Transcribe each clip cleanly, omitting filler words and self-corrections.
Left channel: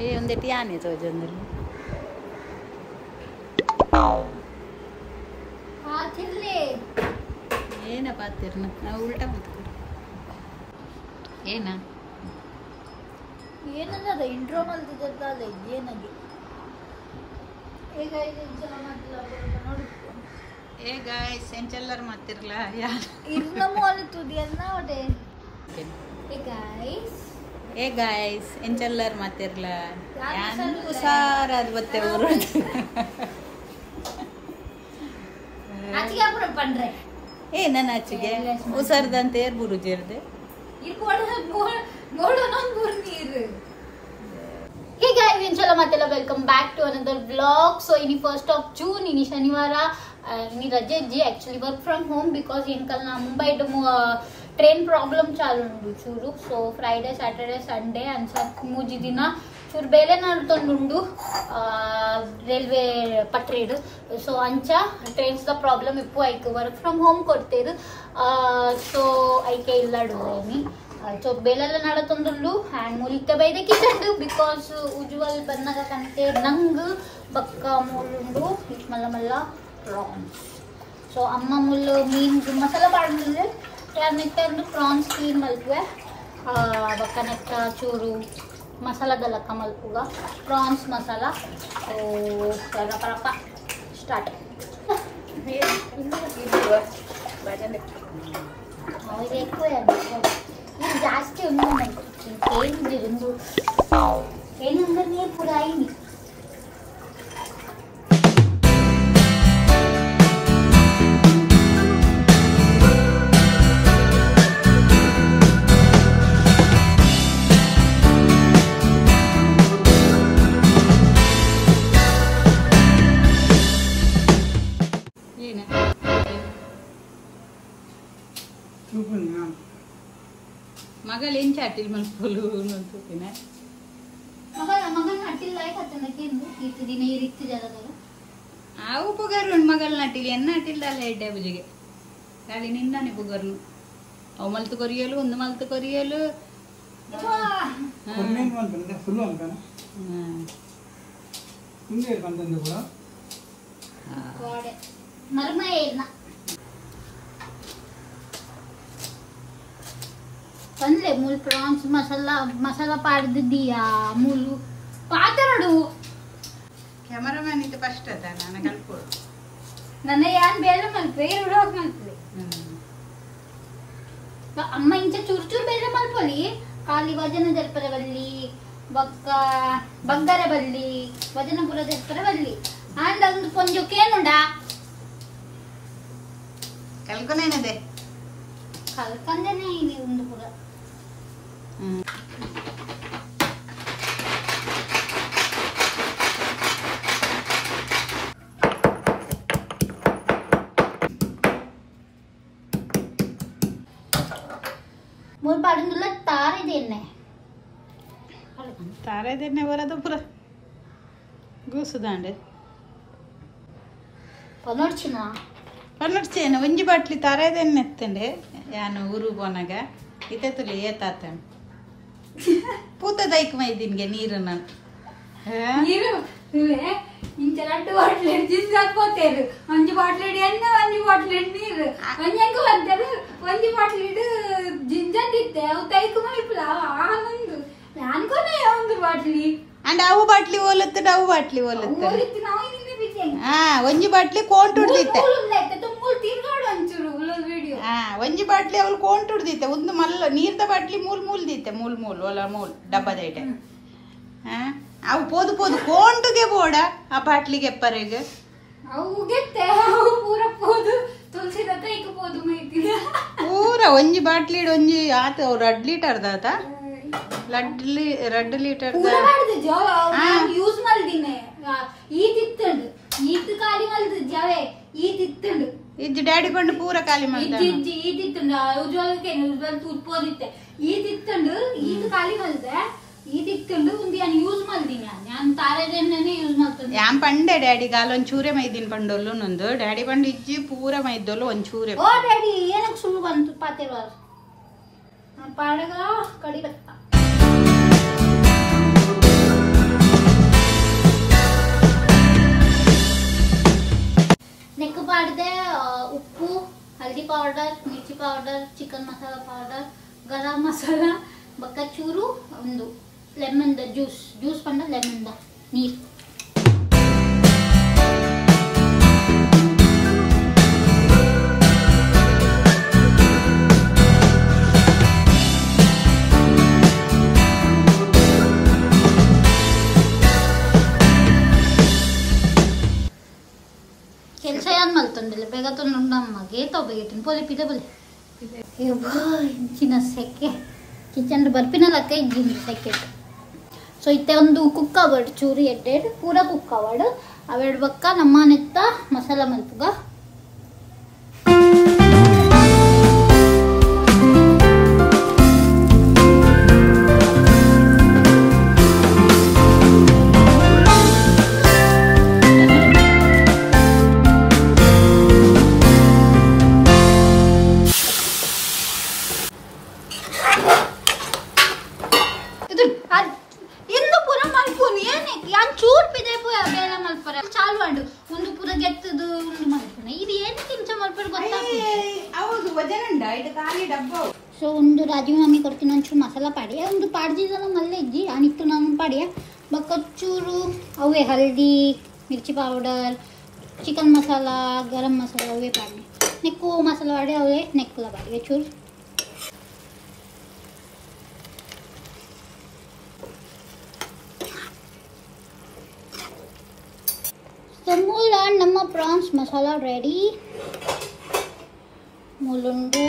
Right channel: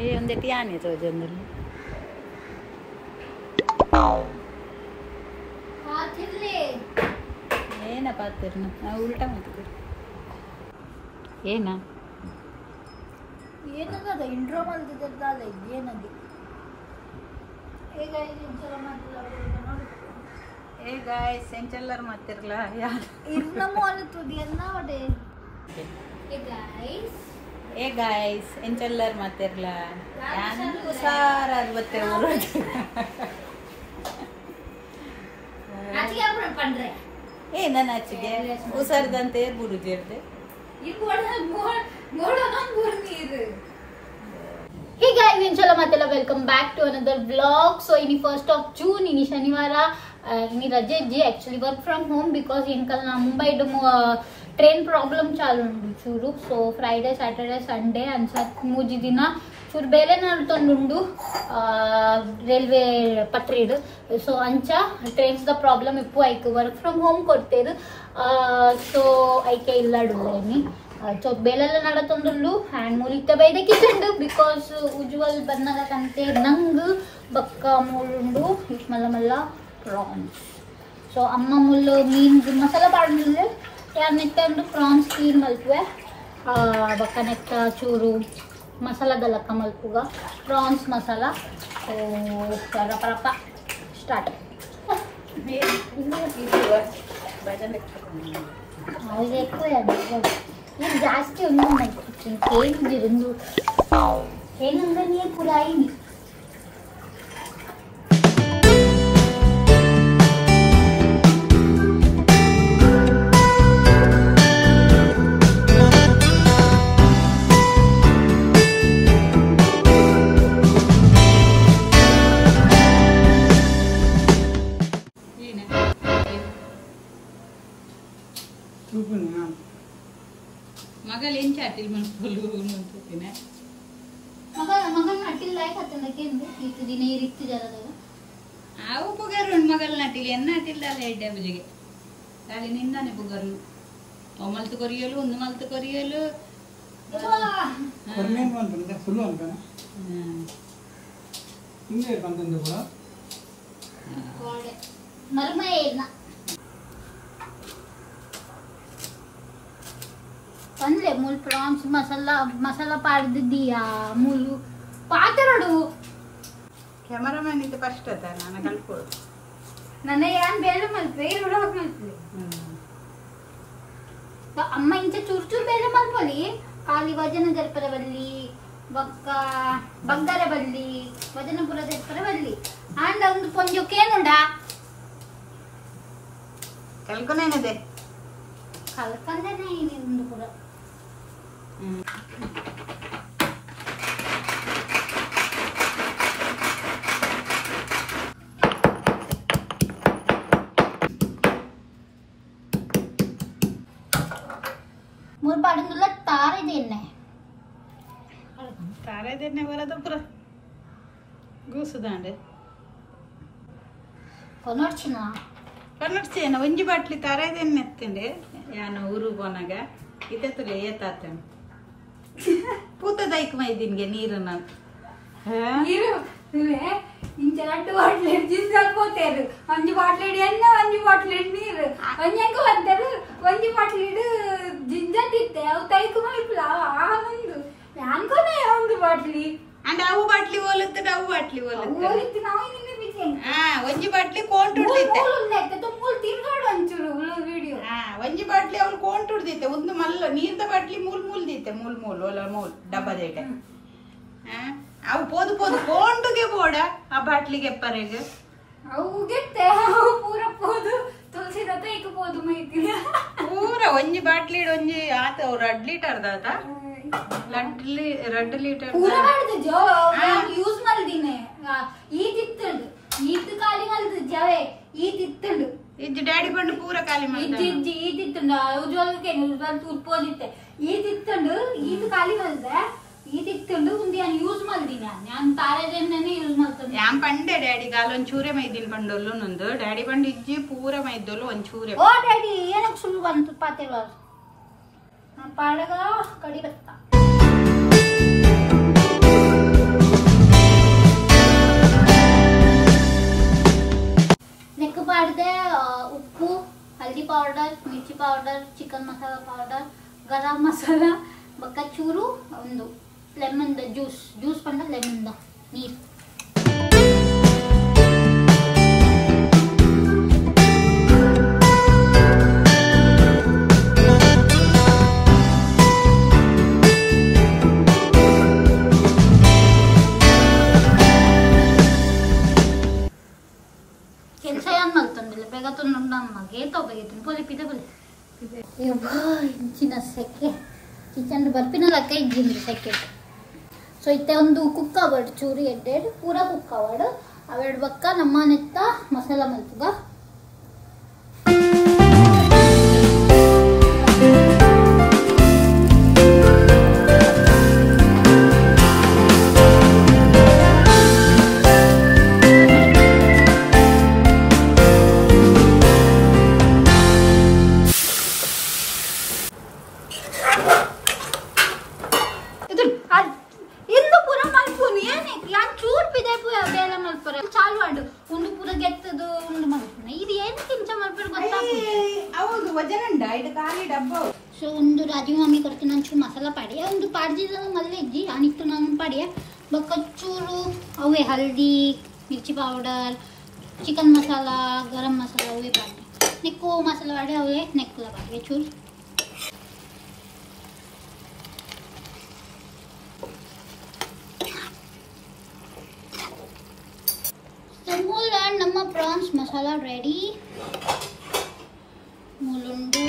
ये ಒಂದೇಟಿ ಆನೆ ತೋಜಂದಲ್ಲಿ ಪಾತಿರ್ಲೆ ಏನ ಪಾತಿರ್ನ ಉಲ್ಟಾ ಮಾತು ಏನ ಏನದ ಇಂಟ್ರೋ ಮಾಡ್ತಿದ್ದಲ್ಲ ಏನದು ಏ ಗಾಯ್ಸ್ ಎಂಚೆಲ್ಲರ್ ಮಾತಿರ್ಲ ಯಾರು ಇರ್ನ ಮಾಲಿತುದಿಯನ್ನ ಅದೇ ಏ ಗಾಯ್ಸ್ ಎಂಚೆಲ್ಲರ್ ಮಾತಿರ್ಲ ಯಾನು ಹುಷಾರಾದ ಬತ್ತೆ ಊರು ಏ ನನ್ನ ಆಚೆಗೆ ಹುಷಾರ್ದಂತೆ ಬುರುಜಿ ಇರ್ದೆ Hey guys, inshallah welcome back to another vlog. So ini 1st of June, ini Shanivara, ini Raja ji actually work from home because in kal Mumbai train problem chalu undu churu. So Friday, Saturday, Sunday and muji dina churu bele naltondundu railway patridu. So ancha trains the problem ippu aike work from home korteru. So aike illadu ni so ಬೇಲೆಲ್ಲ ನಡತೊಂದುಂಡು hand ಮೂಲಿಕ ಬೈದಕ್ಕೆ ಇದ್ದುಂಡು because Ujwal ಬಂದಾಗ ಕಂತೆ ನಂಗ್ ಬಕ್ಕ ಮೂಳುಂಡು ಇಟ್ ಮಲ್ಲ ಮಲ್ಲ ಪ್ರಾನ್ಸ್ ಸೊ ಅಮ್ಮ ಮುಳ್ಳು ಮೀನ್ ಮಸಾಲ ಪಾಡ್ಮಿಲ್ಲೆ ಯಾರು ನೆತ್ತಂಡು ಪ್ರಾನ್ಸ್ ಕ್ಲೀನ್ ಮಲ್ಪುವೆ ಬಕ್ಕ ನೆತ್ತ ಚೂರು ಮಸಾಲ ಗಲಕ್ಕ ಮಲ್ಪುಗ ಪ್ರಾನ್ಸ್ ಮಸಾಲ ಸೊ ಪರಪ ಸ್ಟಾರ್ಟ್ ಅವ್ರಿಗೆ ఎక్కువ నేను జాస్తి ఉన్నాను ఏంది రెండు ఏముందని ఇప్పుడు అయింది ಮಗಳು ಏನ್ ಚಾಟಿಲ್ ಮಲ್ಪೋಲು ಅಂತೂಪಿನ ಮಗನ ನಟ್ಟಿಲ್ ಲಾಯ್ಕ್ ಹತ್ತನಕ್ಕೆ ಇತ್ತು ದಿನ ಇತ್ತು ಜರದಲ್ಲ ಆ ಉಪಗಾರು ಮಗಳ ನಟಿಲಿ ಎನ್ನ ನಟಿಲ್ದಲ್ಲ ಎಡ್ಡೆ ಬುಜಿಗೆ ಖಾಲಿ ನಿಂದಾನೆ ಪುಗರ್ನು ಅವು ಮಲ್ತು ಕೊರಿಯಲು ಒಂದು ಮಲ್ತು ಕೊರಿಯಲು ಫುಲ್ ಅನ್ಕನ ಹಿಂದೆ ಬಂದಂದು ಕೂಡ ಮರ್ಮ ಏನ ಅಂದ್ರೆ ಮೂಲ್ ಪ್ರಾನ್ಸ್ ಮಸಾಲ ಪಾಡ್ದಿದ್ದೀಯಾ ಮೂಲು ಪಾತರಡು ಕ್ಯಾಮರಾಮ್ಯಾನ್ ಇದು ಫಸ್ಟ್ ಅದ ನಾನು ಕಲ್ಪೋಳು ನನ್ನ ಯಾನ್ ಬೇಡ ಮಲ್ಪೆ ಎರಡು ಹೋಗಿ ಮಲ್ಪೆ ಅಮ್ಮ ಇಂಚ ಚೂರು ಚೂರು ಬೇಡ ಮಲ್ಪೊಲಿ ಖಾಲಿ ವಜನ ಜಲ್ಪರ ಬಲ್ಲಿ ಬಗ್ಗರ ಬಲ್ಲಿ ವಜನಪುರ ಜಲ್ಪರ ಬಲ್ಲಿ ಆಂಡ ಒಂದು ಪೊಂಜಕ್ಕೇನುಂಡ ಕಲ್ಕೊನೇನದೆ ಕಲ್ಕಂದನೆ ಇದೆ ಒಂದು ಪುರ ಮೂರು ಪಾಡಿಂದುಲ್ಲ ತಾರೆದೆಣ್ಣೆ ತಾರೆದೆಣ್ಣೆ ಬರೋದು ಪುರ ಗೂಸುದಾಂಡೆ ಪೊನರ್ಚಿನ ಪನ್ನಡ್ಚೇನ ಒಂಜಿ ಬಾಟ್ಲಿ ತಾರೆದೆಣ್ಣೆ ಎತ್ತಂಡೆ ಯಾನು ಊರು ಪೋನಾಗ ಇತ್ತೆತ್ತುಲೆ ಏತಾತೇನು ಪೂತ ದೈಕ್ ಮೈದಿನ್ಗೆ ನೀರು ನಾನು ಇಂಚ 2 ಬಾಟ್ಲಿ ಜ್ಯೂಸ್ ಹಾಕೋತೇರು 1 ಬಾಟ್ಲಿ ಎಣ್ಣೆ 1 ಬಾಟ್ಲಿ ನೀರು ಒಂಜಂಗ ಬಂತೇರು 1 ಬಾಟ್ಲಿ ಜಿಂಜಂದಿತ್ತೆ ಅವು ತೈಕು ಮಲ್ಪಲ ಆನಂದು ನಾನ್ಕೊನೆ 1 ಬಾಟ್ಲಿ ಅಂಡ್ ಅವು ಬಾಟ್ಲಿ ಓಲತ್ತು ಅವು ಬಾಟ್ಲಿ ಓಲತ್ತು ಓಲಿತ್ತು ನಾವು ಇನ್ನೇ ಬಿಜೆ ಒಂಜಿ ಬಾಟ್ಲಿ ಕೋಂಟುಡ್ದಿತ್ತೆ ಮೂಲ್ ತಿರ್ಗಾಡು ಅಂಚೂರು ವಿಡಿಯೋ ಒಂಜಿ ಬಾಟ್ಲಿ ಅವಳು ಕೋಂಟುಡ್ದಿತ್ತೆ ಒಂದು ಮಲ್ಲ ನೀರ್ದ ಬಾಟ್ಲಿ ಮೂಲ್ ದಿತ್ತೆ ಮೂಲ್ ಒಲ ಮೂಲ್ ಡಬ್ಬದೇಟೆ ಅವು ಪೋದು ಕೋಂಟುಗೆ ಬೋಡ ಆ ಬಾಟ್ಲಿಗೆ ಎಪ್ಪರೆಗೆ ಅವು ಗೆತ್ತೆ ಅವು ಪೂರ ಪೋದು ತುಳಸಿ ರಥ ಈಗ ಪೋದು ಮೈತಿನ ಪೂರ ಒಂಜಿ ಬಾಟ್ಲಿ ಒಂಜಿ ಆತ 2 ಲೀಟರ್ ದಾತ 2 ಲೀಟರ್ ಪೂರ ಮಾಡಿದ ಜೋ ಯೂಸ್ ಮಾಡಿದಿನೆ ಈತಿತ್ತಂಡು ಈತ್ ಖಾಲಿ ಮಾಡಿದ ಜವೆ ಈತಿತ್ತಂಡು ಇಜ್ಜಿ ಡ್ಯಾಡಿ ಕೊಂಡು ಪೂರ ಖಾಲಿ ಮಾಡಿದ ಈತಿತ್ತಂಡು ಉಜ್ವಲಕ್ಕೆ ಉಜ್ವಲ್ ತೂರ್ಪೋದಿತ್ತೆ ಈತಿತ್ತಂಡು ಈತ್ ಖಾಲಿ ಮಾಡಿದೆ ಈತಿತ್ತಂಡು ಒಂದು ನಾನು ಯೂಸ್ ಮಾಡಿದಿನಿ ನಾನು ತಾರೆದೆಣ್ಣೆನೇ ಯೂಸ್ ಮಾಡ್ತೇನೆ ಯಾನ್ ಪಂಡೆ ಡ್ಯಾಡಿ ಗಾಲ ಒಂಚೂರೆ ಮೈದಿನ ಪಂಡೊಲ್ಲು ನೊಂದು ಡ್ಯಾಡಿ ಪಂಡು ಇಜ್ಜಿ ಪೂರ ಮೈದೊಲ್ಲು ಒಂಚೂರೆ ಓ ಡ್ಯಾಡಿ ಏನಕ್ಕೆ ಸುಳ್ಳು ಬಂತು ಪಾತೆವ ಪಾಡಗ ಕಡಿ ಬತ್ತ powder, chicken masala powder, garam masala ಬೊಕ್ಕ ಚೂರು ಒಂದು ಲೆಮನ್ ಜ್ಯೂಸ್ ಪಂಡ ಲೆಮನ್ ನೀರು. ಕೆಲಸ ಏನ್ ಮಾಡ್ತಂದಿಲ್ಲ ಬೇಗ ತಂದು ನಮ್ಮಗೆ ಬೇಗ ಪೊಲಿ ಪಿದೆ ಬಲಿ ಇಂಚಿನ ಸೆಕೆ ಕಿಚನ್ ಬರ್ಪಿನಲ್ಲ ಇದ್ರಿಂದ ಸೆಕೆ. ಸೊ ಇತ್ತೆ ಒಂದು ಕುಕ್ಕ ಬರ್ಡ್ ಚೂರು ಎಡ್ಡೆಡ್ ಪೂರ ಕುಕ್ಕ ಬರ್ಡ್ ಅವೆರಡು ಬಕ್ಕ ನಮ್ಮ ನೆತ್ತ ಮಸಾಲ ಮಲ್ಪುಗ. ಸೊ ಒಂದು ರಾಜೀವ್ ಮಾಮಿ ಕೊಡ್ತೀನಿ ಒಂಚೂರು ಮಸಾಲ ಪಾಡಿಯ ಒಂದು ಪಾಡ್ದಿದ್ದ ಮಲ್ಲೆ ಇಜ್ಜಿ ಅನಿತ್ತು ನಾನು ಪಾಡಿಯ ಬಕ್ಕಚ್ಚೂರು ಅವೇ ಹಲ್ದಿ ಮಿರ್ಚಿ ಪೌಡರ್ ಚಿಕನ್ ಮಸಾಲ ಗರಂ ಮಸಾಲ ಅವೇ ಪಾಡಿ ನೆಕ್ಕು ಮಸಾಲ ಪಾಡಿ ಅವೇ ನೆಕ್ಕಲ ಪಾಡಿಗೆ ಚೂರು. ಮೂಲ ನಮ್ಮ ಪ್ರಾನ್ಸ್ ಮಸಾಲ ರೆಡಿ. ಮುಲುಂಡು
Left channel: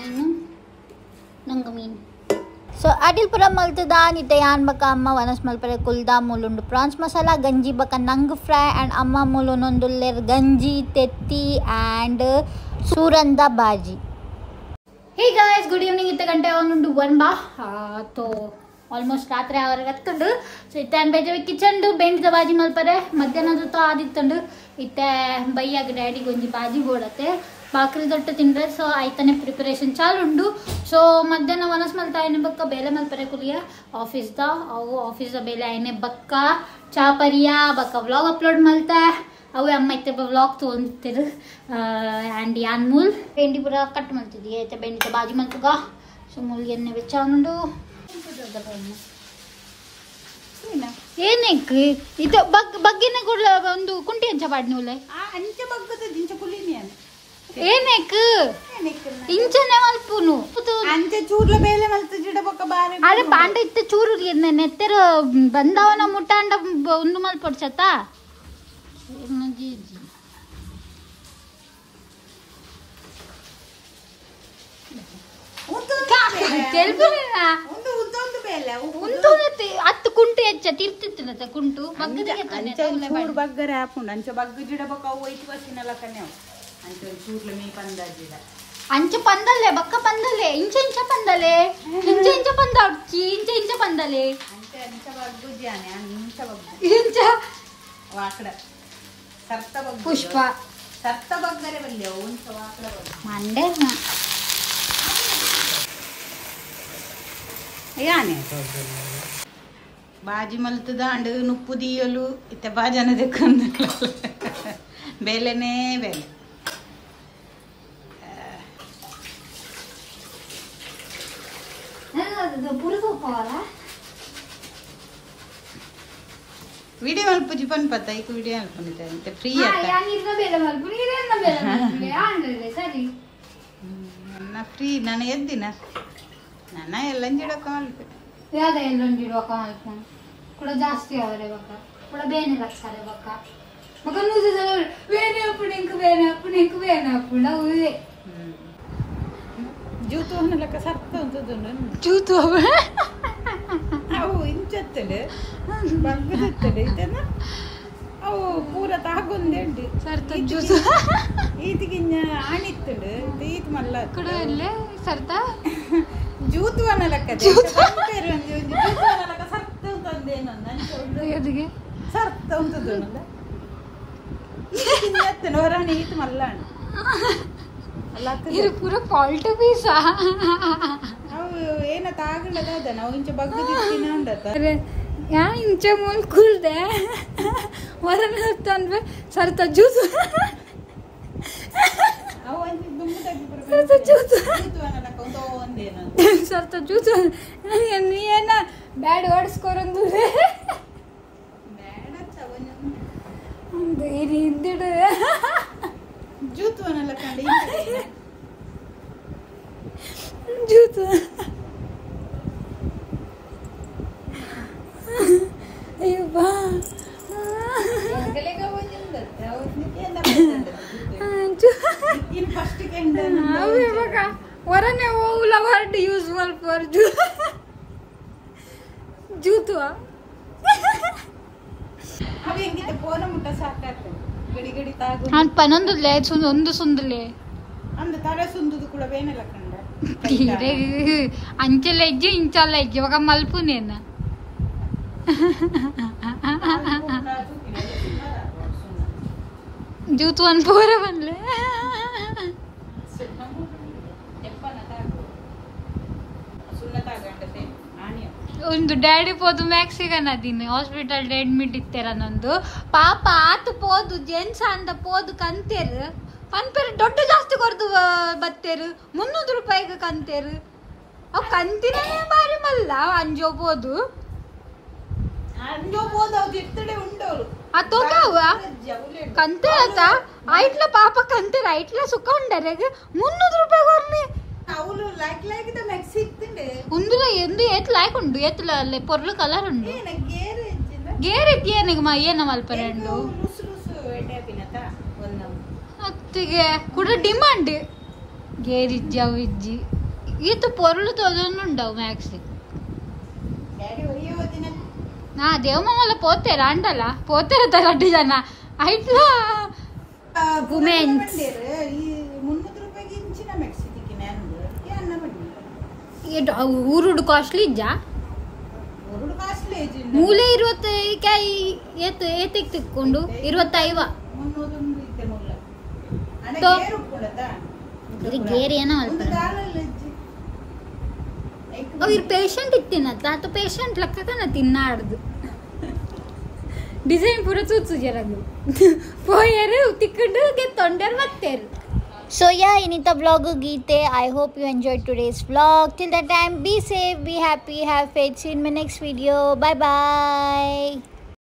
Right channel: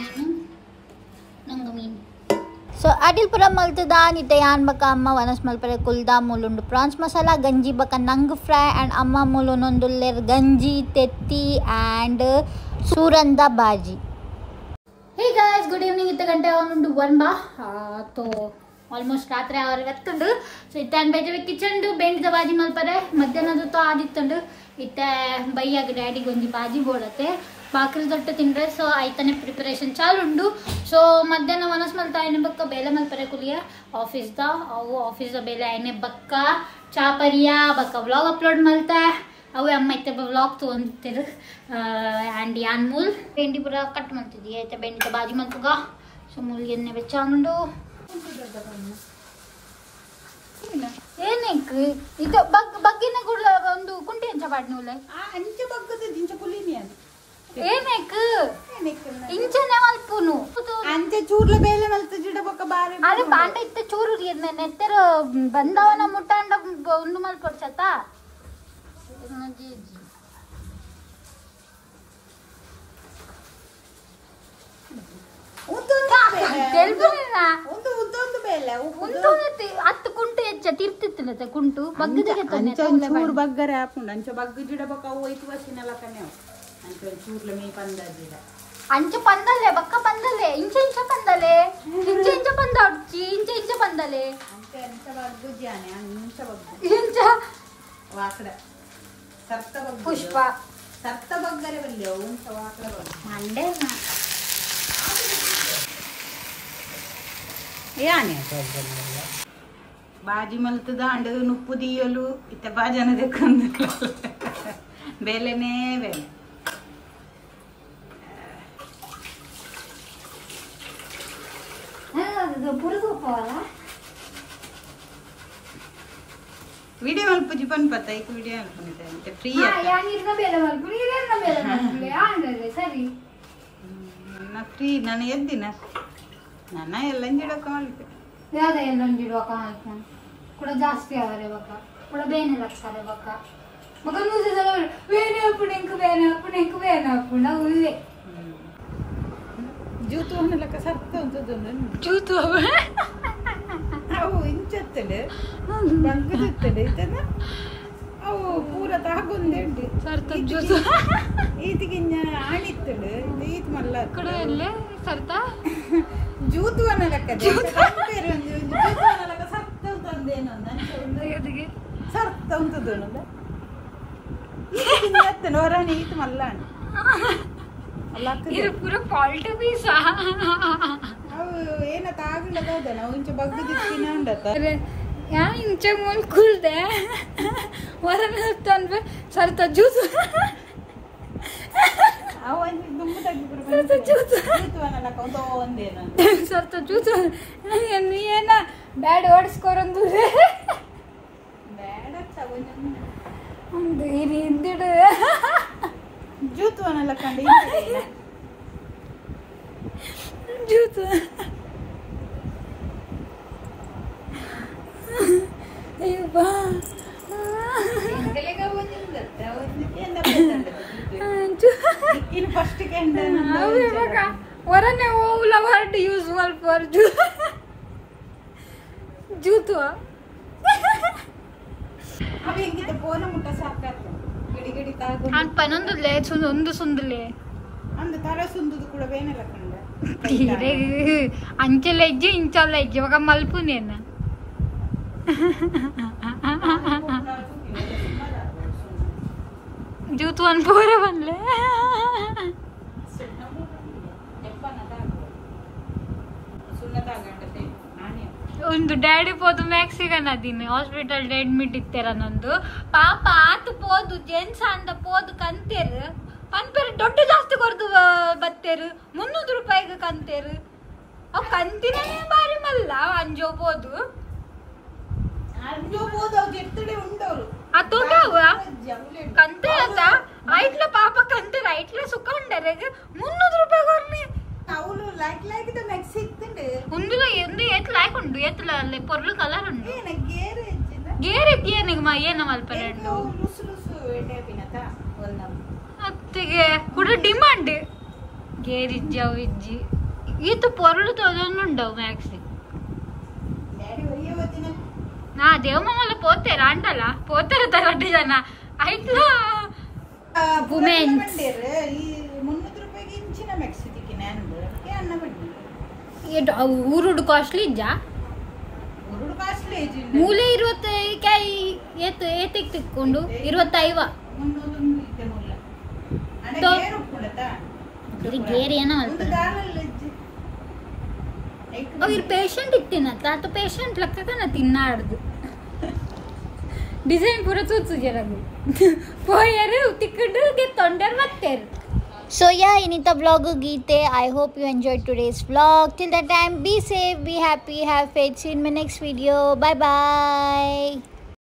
ಏನು ನಂಗೆ ಮೀನು. ಸೊ ಅಡಿಲ್ ಪುರ ಮಲ್ತದ ನಿತ್ತೆ ಯಾನ್ ಬಕ ಅಮ್ಮ ವನಸ್ ಮಲ್ಪರೆ ಕುಲ್ದ ಮುಲುಂಡು ಪ್ರಾನ್ಸ್ ಮಸಾಲ ಗಂಜಿ ಬಕ ನಂಗ್ ಫ್ರೈ ಆ್ಯಂಡ್ ಅಮ್ಮ ಮುಲುನೊಂದುಲ್ಲೆರ್ ಗಂಜಿ ತೆತ್ತಿ ಆ್ಯಂಡ್ ಸೂರಂದ ಬಾಜಿ. Hey guys good evening. 2 ಗಂಟೆ ಒಂದು ಬಾ ತೋ ಆಲ್ಮೋಸ್ಟ್ ರಾತ್ರಿ ಅವರಿಗೆ ಎತ್ತುಂಡು. ಸೊ ಇತ್ತೆ ಬೇಜ ಕಿಚನ್ದು ಬೆಂಗ್ದ ಬಾಜಿ ಮಲ್ಪರೆ ಮಧ್ಯಾಹ್ನದ ತೋ ಆದಿತ್ತುಂಡು. ಇತ್ತೆ ಬೈಯಾಗ ಡ್ಯಾಡಿಗೆ ಒಂಜಿ ಬಾಜಿ ಬೋಡತ್ತೆ ಬಾಕ್ರಿ ದೊಟ್ಟ ತಿಂಡ್ರೆ. ಸೊ ಆಯ್ತಾನೆ ಪ್ರಿಪರೇಷನ್ ಚಾಲು ಉಂಡು. ಸೊ ಮಧ್ಯಾಹ್ನ ವನಸ್ ಮಲ್ತ ಆಯ್ನೆ ಬಕ್ಕ ಬೇಲೆ ಮಲ್ಪರೆ ಕುಲಿಯ ಆಫೀಸ್ದ ಅವು ಆಫೀಸ್ದ ಬೇಲೆ ಆಯ್ನೆ ಬಕ್ಕ ಚಾಪರಿಯ ಬಕ್ಕ ವ್ಲಾಗ್ ಅಪ್ಲೋಡ್ ಮಲ್ತ ಅವು ಅಮ್ಮ ಇತ್ತೆ ವ್ಲಾಗ್ ತೊಗೊಂತಿರು ಆ್ಯಂಡ್ ಯಾನ್ ಮೂಲ್ ಬೆಂಡಿ ಪುರ ಕಟ್ ಮಲ್ತಿದ್ದಿ ಆಯ್ತಾ ಬೆಂಡಿತ ಬಾಜಿ ಮಲ್ತುಗ. ಸೊ ಮೂಲ್ಗೆ ಎಣ್ಣೆ ಬೆಚ್ಚಾನುಂಡು ಏನಕ್ಕೆ ಇದು ಬಗ್ಗಿನ ಕೂಡ ಒಂದು ಕುಂಟಿ ಅಂಚ ಬಾಡ್ನೂಲೆ ಅಂಚ ಬಗ್ಗದ ದಿಂಚ ಕುಲಿನಿ ಅಂತ ಏನಕ್ಕೆ ಇಂಚನೆ ಮಲ್ಪುನು ಅಂಚ ಚೂರ್ಲ ಬೇಲೆ ಮಲ್ತ ಜಿಡ ಬೊಕ್ಕ ಬಾರೆ ಅರೆ ಪಾಂಡ ಇತ್ತೆ ಚೂರು ನೆತ್ತೆರ ಬಂದವನ ಮುಟ್ಟಾಂಡ ಒಂದು ಮಲ್ಪಡ್ಸತ್ತ ಒಂದು ಉದ್ದೊಂದು ಬೇಲೆ ಹತ್ತು ಕುಂಟು ಹೆಚ್ಚ ತಿರ್ತಿತ್ತಿಲ್ಲ ಕುಂಟು ಬಗ್ಗದಿಗೆ ಬಗ್ಗರೆ ಹಾಕೊಂಡು ಅಂಚ ಬಗ್ಗ ಜಿಡ ಬೊಕ್ಕ ಅವು ಐತು ವರ್ಷಿನಲ್ಲ ಕನ್ನೆ ಅಂಚ ಚೂರ್ಲ ಮೇ ಪಂದ ಜಿಡ ಅಂಚ ಪಂದಲೆ ಬಕ್ಕ ಪಂದಲೆ ಇಂಚ ಇಂಚ ಪಂದಲೆ ಇಂಚ ಇಂಚ ಪಂದ ಉಡ್ಚಿ ಇಂಚ ಇಂಚ ಪಂದಲೆ ಅಂಚ ಅಂಚ ಬಗ್ಗು ಜಾನೆ ಅಂಚ ಬಗ್ಗು ಇಂಚ ವಾಕಡ ಸರ್ತ ಬಗ್ಗು ಪುಷ್ಪ ಸರ್ತ ಬಗ್ಗರೆ ಬಲ್ಲೆ ಒಂಚ ವಾಕಡ ಬಗ್ಗು ಮಂಡೆ ಯಾನೆ ಬಾಜಿ ಮಲ್ತದ ಅಂಡ ನುಪ್ಪು ದೀಯಲು ಇತ್ತ ಬಾಜನ ದೆಕ್ಕೊಂದು ಬೇಲೆನೇ ಬೇಲೆ ವಿಡಿಯೋ ಮಲ್ಪುಜಿ ಪನ್ಪತ್ತ ಈಗ ವಿಡಿಯೋ ಮಲ್ಪುನಿತೆ ಫ್ರೀ ನನ್ನ ಫ್ರೀ ನಾನು ಎದ್ದಿನ ನನ್ನ ಎಲ್ಲಂಜಿಡಕ ಮಲ್ಪೆ ಎಲ್ಲೊಂಜಿಡುವಕ ಮಲ್ಪನ್ ಕೂಡ ಜಾಸ್ತಿ ಅವರೇ ಬಕ್ಕ ಕೂಡ ಬೇನೆ ಲಕ್ಷರೆ ಬಕ್ಕ ಮಗ ಬೇನೆ ಅಪ್ಪುಡು ಎಂಕು ಬೇನೆ ಅಪ್ಪುಡು ಎಂಕು ಬೇನೆ ಅಪ್ಪುಡು ಅವು ಇವೆ ಜೂತು ಅನ್ನಲಕ್ಕ ಸರ್ತ ಅಂತದ್ದು ಜೂತು ಅವು ಇಂಚತ್ತಡೆ ಬಗ್ಗದತ್ತಡೆ ಇದನ್ನ ಅವು ಪೂರ ತಾಗೊಂದೇಂಡಿ ಸರ್ತ ಜೂತು ಈತಿಗಿನ್ನ ಆಣಿತ್ತಡೆ ಈತ್ ಮಲ್ಲ ಕೂಡ ಎಲ್ಲೇ ಸರ್ತ ಜೂತು ಅನ್ನಲಕ್ಕ ಜೂತು ಅನ್ನಲಕ್ಕ ಸರ್ತ ಅಂತಂದೇನು ಎದಿಗೆ ಸರ್ತ ಅಂತದ್ದು ಅನ್ನದ ಈತಿಗಿನ್ನ ಹೊರಾಣಿ ಈತ್ ಮಲ್ಲಾಣ ಇದು ಪೂರ ಫಾಲ್ಟ್ ಪೀಸ್ ಅವು ಏನ ತಾಗಲದ ನಾವು ಇಂಚ ಬಗ್ಗದಿತ್ತಿನ ಅಂಡತ ಯಾ ಇಂಚ ಮೂಲ್ ಕುಲ್ದೆ ಹೊರನ ತಂದ್ರೆ ಸರ್ತ ಜ್ಯೂಸ್ ಸ್ವಲ್ಪ ಜ್ಯೂಸ್ ನೀನ ಬ್ಯಾಡ್ ಓಡಿಸ್ಕೊರಂದು ಹಿಂದಿಡು ಜೂತು ಅನ್ನಲ್ಲ ಕಂಡು ಜೂತು ಅಯ್ಯೋ ಬಾ ಫಸ್ಟ್ ಹೊರನೆ ಹೋಗ್ಲ ವರ್ಡ್ ಯೂಸ್ಫುಲ್ ಫಾರ್ ಜೂತು ಅవి ಹೆಂಗಿದೆ ಫೋನ ಮುಟ್ಟ ಸಾಕಾಗ್ತದೆ ಗಡಿ ಗಡಿ ತಾಗು ಪನೊಂದುಲೆ ಒಂದು ಸುಂದುಲೆ ಅಂದ ತರ ಸುಂದುದು ಕೂಡ ಬೇನಲ್ಲ ಕಂಡ ಅಂಚೆಲ್ಲ ಇಜ್ಜಿ ಇಂಚಲ್ಲ ಇಜ್ಜಿ ಇವಾಗ ಮಲ್ಪುನೇನ ಜೂತು ಒಂದು ಪೂರ ಬಂದ್ಲೆ ಒಂದು ಡ್ಯಾಡಿ ಪೋದು ಮ್ಯಾಕ್ಸಿಗನ್ ಅದೀನಿ ಹಾಸ್ಪಿಟಲ್ ಅಡ್ಮಿಟ್ ಇತ್ತೇರ ನಂದು ಪಾಪ ಆತು ಪೋದು ಜೆಂಟ್ಸ್ ಅಂದ ಪೋದು ಕಂತೇರು ಪನ್ಪೇರು ದೊಡ್ಡ ಜಾಸ್ತಿ ಕೊರ್ದು ಬತ್ತೇರು 300 ರೂಪಾಯಿಗೆ ಕಂತೇರು ಅವ್ ಕಂತಿನೇ ಬಾರಿ ಮಲ್ಲ ಅಂಜೋ ಪೋದು ఉండవు కంతే ఐట్ల పాప కంతే ఐట్ల సుఖ ఉండరు 300 రూపాయ కొర్ని అవును లైక్ లైక్ ద నెక్స్ట్ ఇత్తుండే ఉందులో ఎందు ఏತ್ లైక్ ఉండు ఏత్ల పొర్లు కలర్ ఉండు గేర్ ఇచ్చిందా గేర్ ఎత్తియనిగ మా ಏನ ಮಲ್ಪರೆಂಡು ಲುಸ್ ಲುಸ್ ಎಟೆಪಿನತ ಒಂದಂ ಅತ್ತಿಗೆ ಕೂಡ ಡಿಮಾಂಡ್ ಗೇರ್ ಇಜ್ಜಾವ್ ಇಜ್ಜಿ ಈತು పొర్లు ತೋದೊಂದು ఉండవు ಮ್ಯಾಕ್ಸಿ ಡ್ಯಾಡಿ ಒಯ್ಯೋ ದಿನ నా దేవమల్ల పోతేరా అంటల పోతేరా తరడ్డు జన ఐట్లా వుమెన్ ఈ 300 ರೂಪಾಯಿಗೆ ಇಂಚಿನ ಮೆಕ್ಸಿದಿಕ್ಕೆ ನಾನು ಅನ್ನ ಬಡ್ಡಿ ಊರುಡು ಕಾಸ್ಟ್ಲಿ ಇಜ್ಜಾ ಊರುಡು ಕಾಸ್ಟ್ಲಿ ಇಜ್ಜಿ ಮೂಲೆ 25 ಕಾಯಿ ಏತಿಗೆ ತಿಕ್ಕೊಂಡು 25 300 ಇತ್ತೆ ಮೂಲ ಅಣ್ಣ ಗೇರು ಕೂಡತಾ ಇದು ಗೇರ್ ಏನೋ ಅಲ್ಪ ಅವ್ರ ಪೇಷಂಟ್ ಇತ್ತಿನತ್ತ ಆತ ಪೇಷಂಟ್ ಲೆಕ್ಕನ ತಿನ್ನಾಡ್ದು ಡಿಸೈನ್ ಪೂರ ಚೂಚು ಜರದು ಪೋಯರು ತಿಕ್ಕಡು ತೊಂಡರ್ ಮತ್ತೇರು So yeah, inita vlog geete. I hope you enjoyed today's vlog. Till that time, be safe, be happy, have faith. See you in my next video. Bye bye.